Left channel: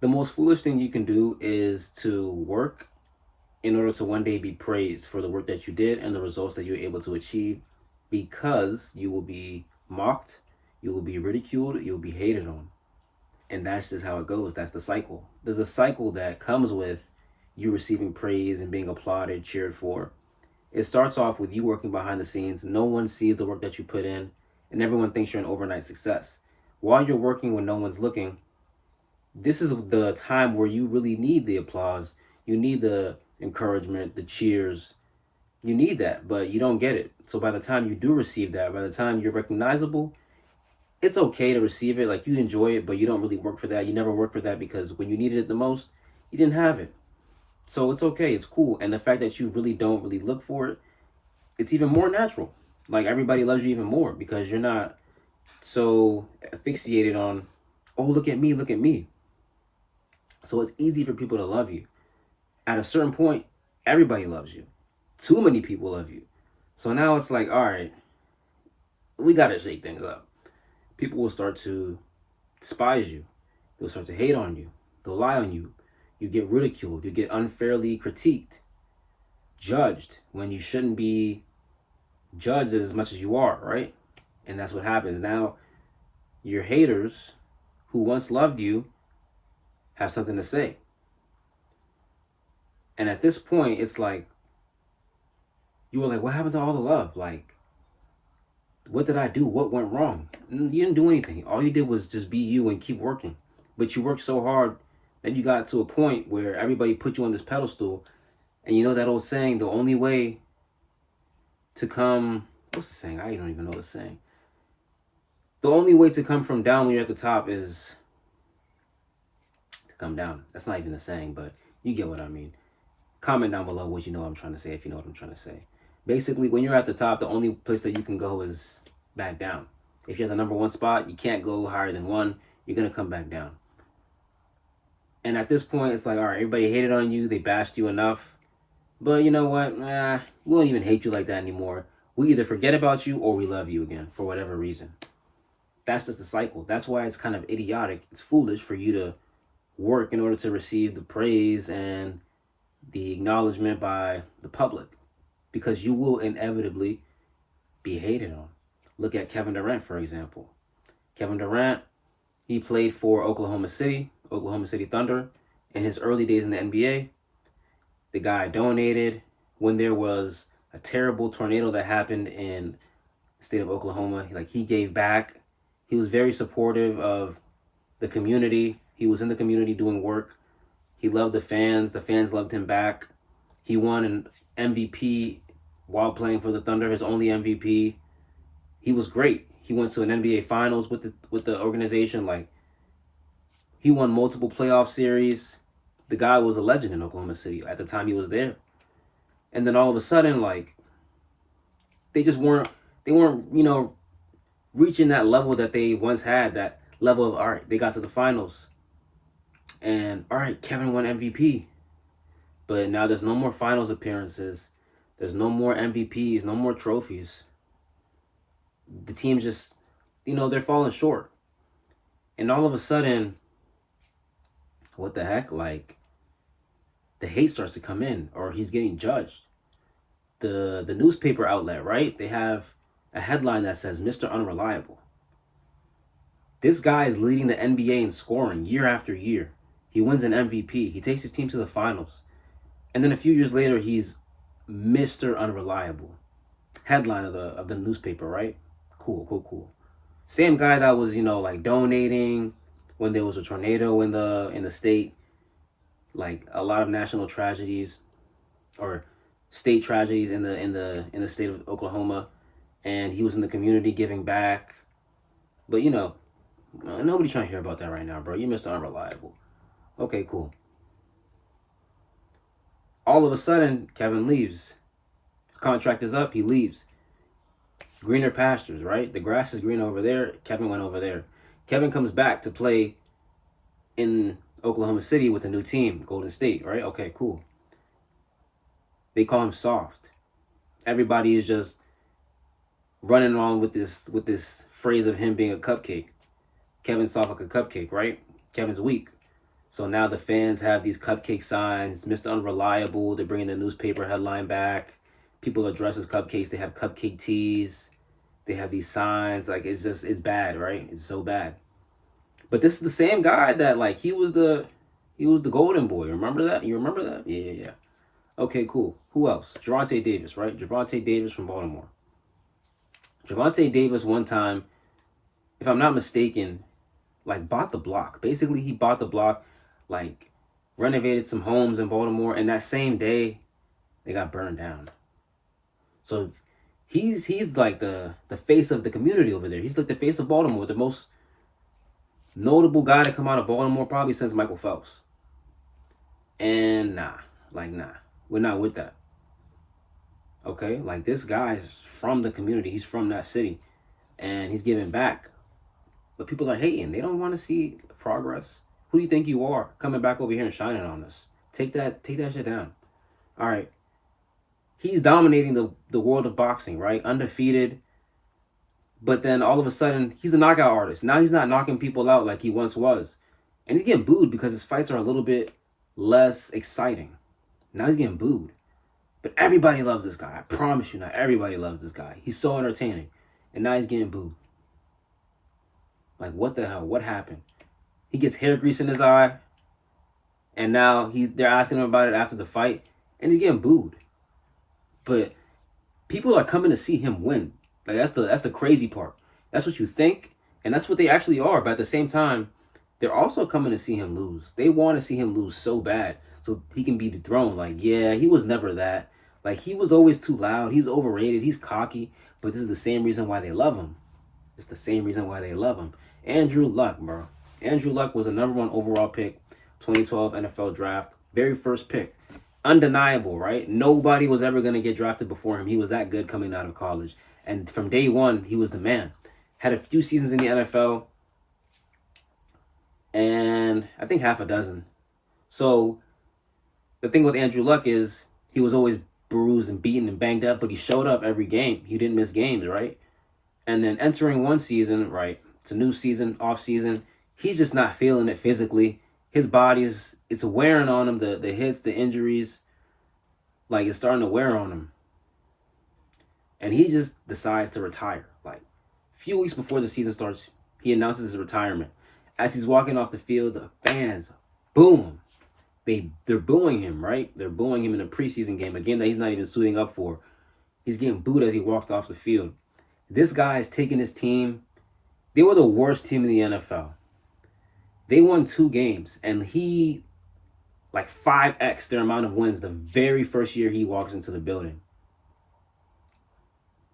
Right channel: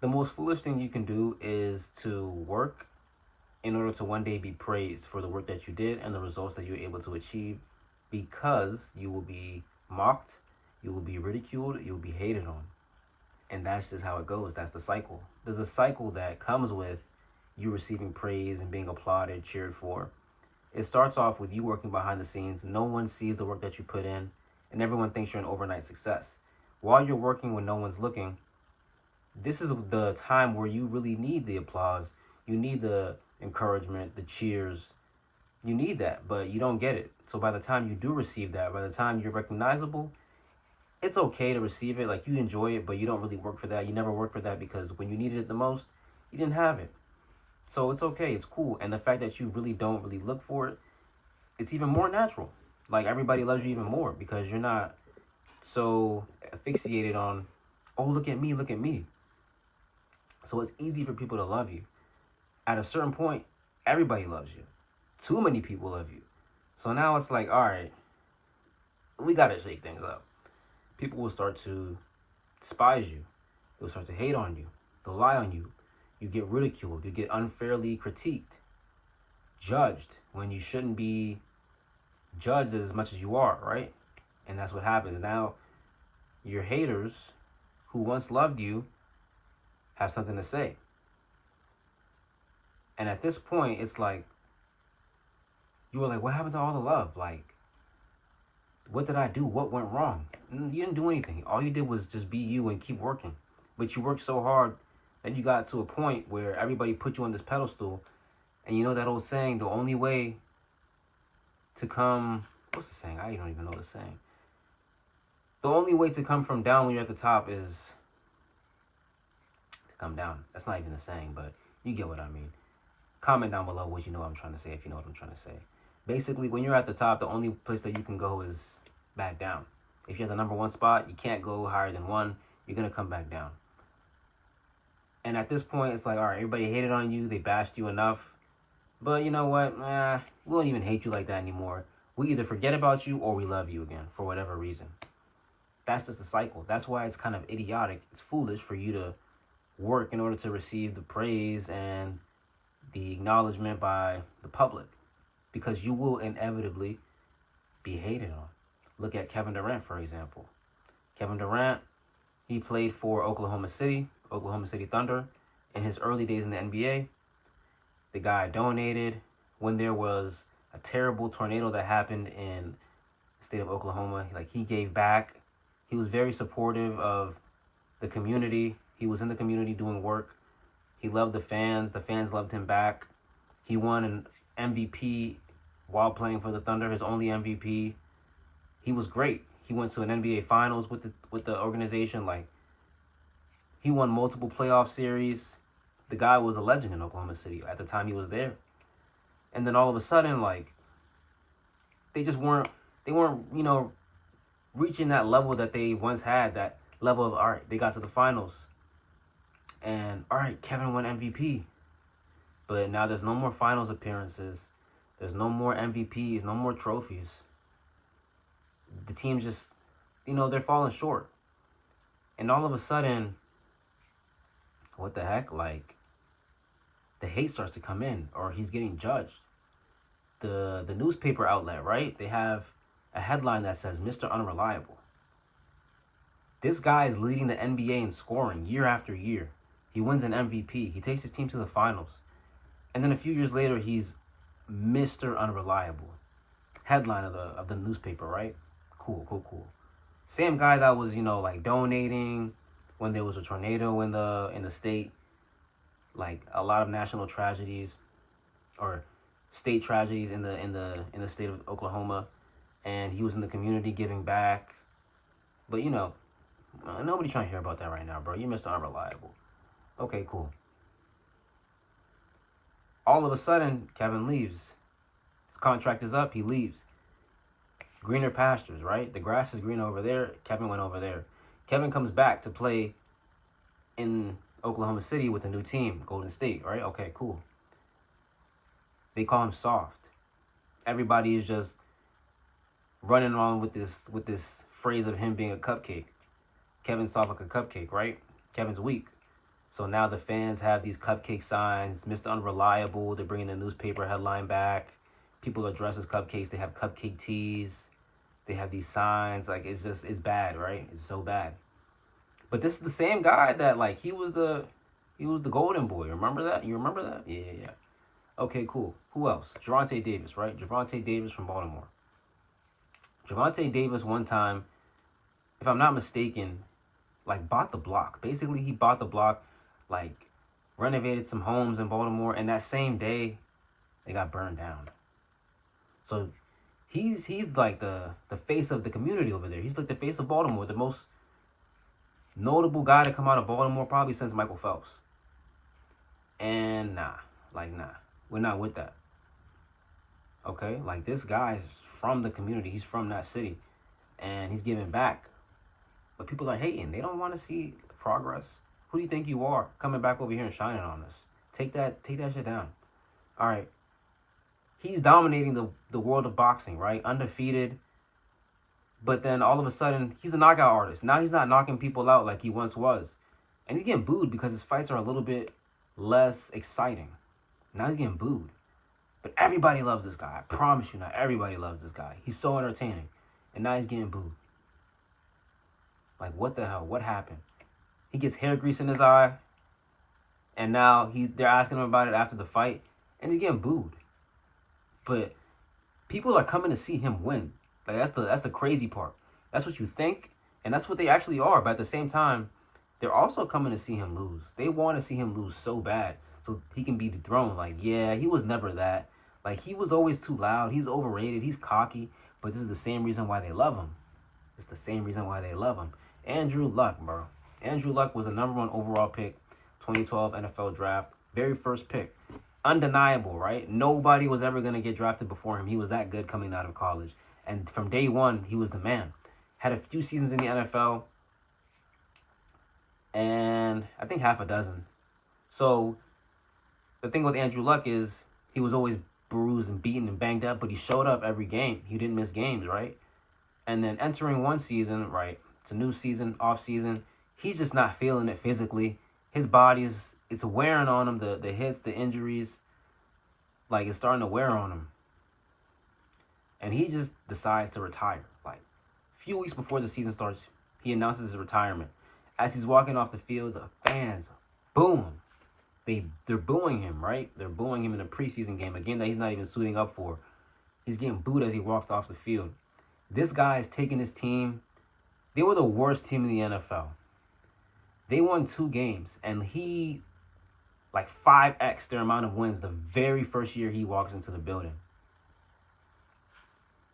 The most foolish thing you can do is to work in order to one day be praised for the work that you did and the results that you're able to achieve, because you will be mocked, you will be ridiculed, you'll be hated on. And that's just how it goes. That's the cycle. There's a cycle that comes with you receiving praise and being applauded, cheered for. It starts off with you working behind the scenes. No one sees the work that you put in, and everyone thinks you're an overnight success. While you're working when no one's looking, this is the time where you really need the applause. You need the encouragement, the cheers. You need that, but you don't get it. So by the time you do receive that, by the time you're recognizable, it's okay to receive it. Like, you enjoy it, but you don't really work for that. You never work for that because when you needed it the most, you didn't have it. So it's okay. It's cool. And the fact that you really don't really look for it, it's even more natural. Like, everybody loves you even more because you're not so asphyxiated on, oh, look at me, look at me. So it's easy for people to love you. At a certain point, everybody loves you. Too many people love you. So now it's like, all right, we got to shake things up. People will start to despise you. They'll start to hate on you. They'll lie on you. You get ridiculed. You get unfairly critiqued, judged when you shouldn't be judged as much as you are, right? And that's what happens. Now, your haters who once loved you have something to say. And at this point, it's like, you were like, what happened to all the love? Like, what did I do? What went wrong? You didn't do anything. All you did was just be you and keep working. But you worked so hard that you got to a point where everybody put you on this pedestal. And you know that old saying, the only way to come, what's the saying? I don't even know the saying. The only way to come from down when you're at the top is to come down. That's not even the saying, but you get what I mean. Comment down below what you know what I'm trying to say, if you know what I'm trying to say. Basically, when you're at the top, the only place that you can go is back down. If you're at the number one spot, you can't go higher than one. You're going to come back down. And at this point, it's like, all right, everybody hated on you. They bashed you enough. But you know what? We don't even hate you like that anymore. We either forget about you or we love you again for whatever reason. That's just the cycle. That's why it's kind of idiotic. It's foolish for you to work in order to receive the praise and the acknowledgement by the public, because you will inevitably be hated on. Look at Kevin Durant, for example. Kevin Durant, he played for Oklahoma City Thunder in his early days in the NBA. The guy donated when there was a terrible tornado that happened in the state of Oklahoma. Like, he gave back. He was very supportive of the community. He was in the community doing work. He loved the fans. The fans loved him back. He won an MVP while playing for the Thunder, his only MVP. He was great. He went to an NBA Finals with the organization. Like, he won multiple playoff series. The guy was a legend in Oklahoma City at the time he was there. And then all of a sudden, like, they just weren't reaching that level that they once had. That level of, all right, they got to the finals, and all right, Kevin won MVP. But now there's no more finals appearances. There's no more MVPs, no more trophies. The team's just, they're falling short. And all of a sudden, what the heck? Like, the hate starts to come in, or he's getting judged. The newspaper outlet, right? They have a headline that says Mr. Unreliable. This guy is leading the NBA in scoring year after year. He wins an MVP. He takes his team to the finals. And then a few years later, he's Mr. Unreliable. Headline of the newspaper, right? Cool. Same guy that was, like, donating when there was a tornado in the state, like a lot of national tragedies or state tragedies in the state of Oklahoma, and he was in the community giving back. But nobody's trying to hear about that right now, bro. You're Mr. Unreliable. Okay, cool. All of a sudden, Kevin leaves. His contract is up. He leaves. Greener pastures, right? The grass is green over there. Kevin went over there. Kevin comes back to play in Oklahoma City with a new team, Golden State, right? Okay, cool. They call him soft. Everybody is just running on with this phrase of him being a cupcake. Kevin's soft like a cupcake, right? Kevin's weak. So now the fans have these cupcake signs, Mr. Unreliable. They're bringing the newspaper headline back. People are dressed as cupcakes. They have cupcake tees. They have these signs. Like, it's bad, right? It's so bad. But this is the same guy that, like, he was the golden boy. Remember that? You remember that? Yeah, yeah, yeah. Okay, cool. Who else? Javonte Davis, right? Javonte Davis from Baltimore. Javonte Davis one time, if I'm not mistaken, like bought the block. Basically, he bought the block, like renovated some homes in Baltimore, and that same day they got burned down. So he's like the face of the community over there. He's like the face of Baltimore, the most notable guy to come out of Baltimore probably since Michael Phelps. And nah, we're not with that. Okay, like this guy's from the community. He's from that city, and he's giving back. But people are hating. They don't want to see progress. Who do you think you are coming back over here and shining on us? Take that shit down. All right. He's dominating the world of boxing, right? Undefeated. But then all of a sudden, he's a knockout artist. Now he's not knocking people out like he once was. And he's getting booed because his fights are a little bit less exciting. Now he's getting booed. But everybody loves this guy. I promise you, not everybody loves this guy. He's so entertaining. And now he's getting booed. Like, what the hell? What happened? He gets hair grease in his eye. And now they're asking him about it after the fight. And he's getting booed. But people are coming to see him win. Like, that's the crazy part. That's what you think. And that's what they actually are. But at the same time, they're also coming to see him lose. They want to see him lose so bad. So he can be dethroned. Like, yeah, he was never that. Like, he was always too loud. He's overrated. He's cocky. But this is the same reason why they love him. It's the same reason why they love him. Andrew Luck, bro. Andrew Luck was the #1 overall pick, 2012 NFL draft. Very first pick. Undeniable, right? Nobody was ever going to get drafted before him. He was that good coming out of college. And from day one, he was the man. Had a few seasons in the NFL. And I think half a dozen. So the thing with Andrew Luck is he was always bruised and beaten and banged up, but he showed up every game. He didn't miss games, right? And then entering one season, right? It's a new season, off season. He's just not feeling it physically. His body's it's wearing on him. The hits, the injuries, like it's starting to wear on him. And he just decides to retire. Like a few weeks before the season starts, he announces his retirement. As he's walking off the field, the fans boo him. They're booing him, right? They're booing him in a preseason game, a game that he's not even suiting up for. He's getting booed as he walked off the field. This guy is taking his team. They were the worst team in the NFL. They won 2 games, and he, like 5x their amount of wins the very first year he walks into the building.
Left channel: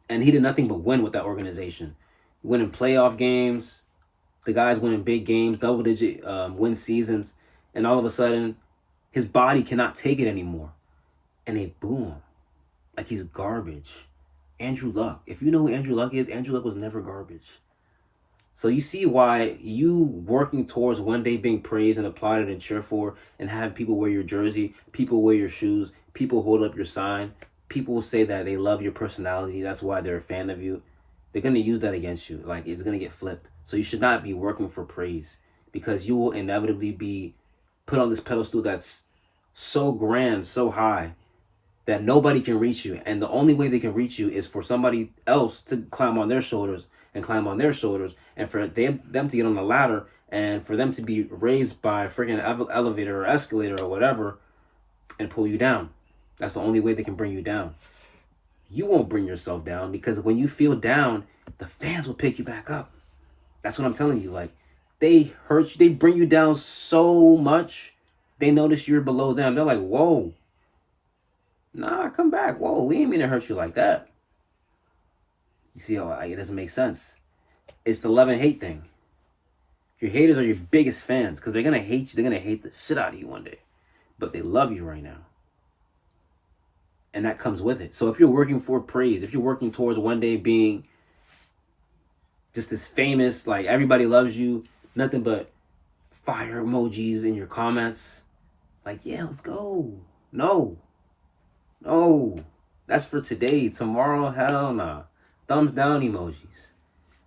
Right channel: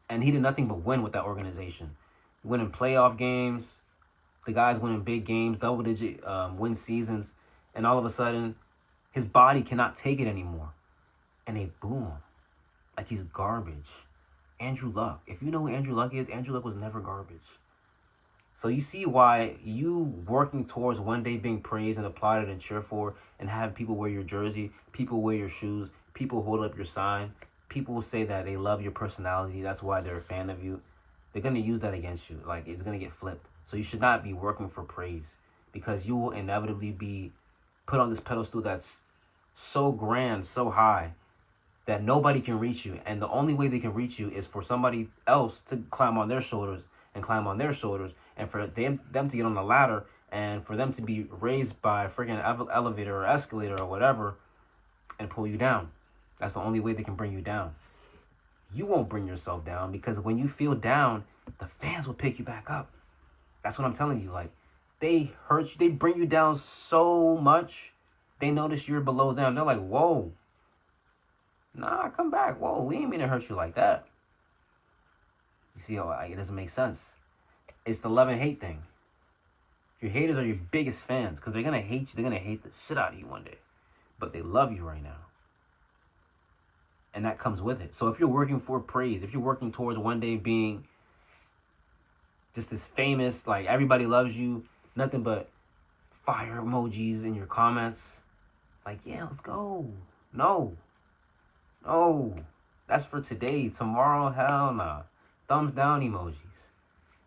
And he did nothing but win with that organization. Winning playoff games, the guys winning big games, double-digit win seasons, and all of a sudden, his body cannot take it anymore. And they boo him like he's garbage. Andrew Luck. If you know who Andrew Luck is, Andrew Luck was never garbage. So you see why you working towards one day being praised and applauded and cheered for and have people wear your jersey, people wear your shoes, people hold up your sign, people say that they love your personality, that's why they're a fan of you. They're going to use that against you. Like, it's going to get flipped. So you should not be working for praise because you will inevitably be put on this pedestal that's so grand, so high, that nobody can reach you. And the only way they can reach you is for somebody else to climb on their shoulders and climb on their shoulders, and for them to get on the ladder, and for them to be raised by a freaking elevator or escalator or whatever and pull you down. That's the only way they can bring you down. You won't bring yourself down because when you feel down, the fans will pick you back up. That's what I'm telling you. Like, they hurt you. They bring you down so much. They notice you're below them. They're like, whoa. Nah, come back. Whoa, we ain't mean to hurt you like that. You see how it doesn't make sense. It's the love and hate thing. Your haters are your biggest fans because they're going to hate you. They're going to hate the shit out of you one day. But they love you right now. And that comes with it. So if you're working for praise, if you're working towards one day being just this famous, like everybody loves you, nothing but fire emojis in your comments, like, yeah, let's go. No. That's for today. Tomorrow, hell nah. Thumbs down emojis.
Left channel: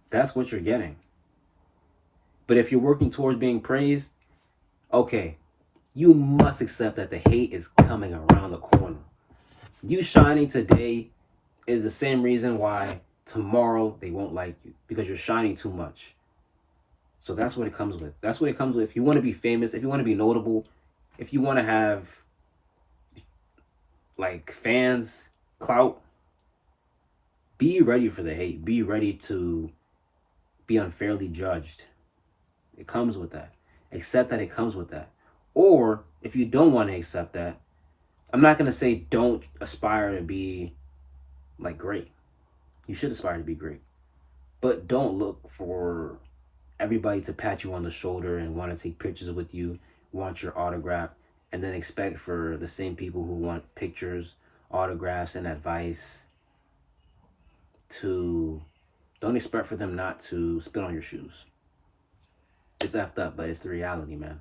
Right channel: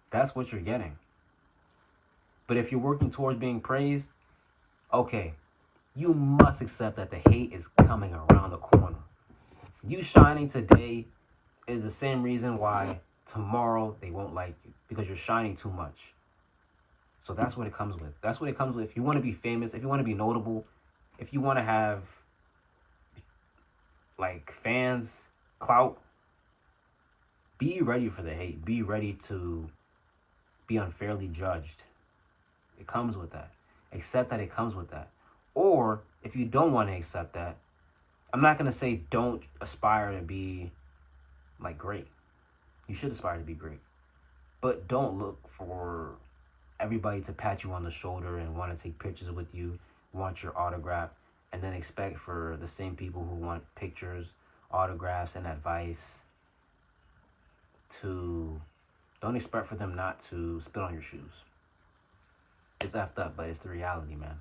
That's what you're getting. But if you're working towards being praised, Okay, you must accept that the hate is coming around the corner. You shining today is the same reason why tomorrow they won't like you, because you're shining too much. So that's what it comes with. That's what it comes with. If you want to be famous, if you want to be notable, if you want to have like fans, clout, be ready for the hate. Be ready to be unfairly judged. It comes with that. Accept that it comes with that. Or if you don't want to accept that, I'm not going to say don't aspire to be like great. You should aspire to be great. But don't look for everybody to pat you on the shoulder and want to take pictures with you, want your autograph, and then expect for the same people who want pictures, autographs, and advice to don't expect for them not to spit on your shoes. It's effed up, but it's the reality, man.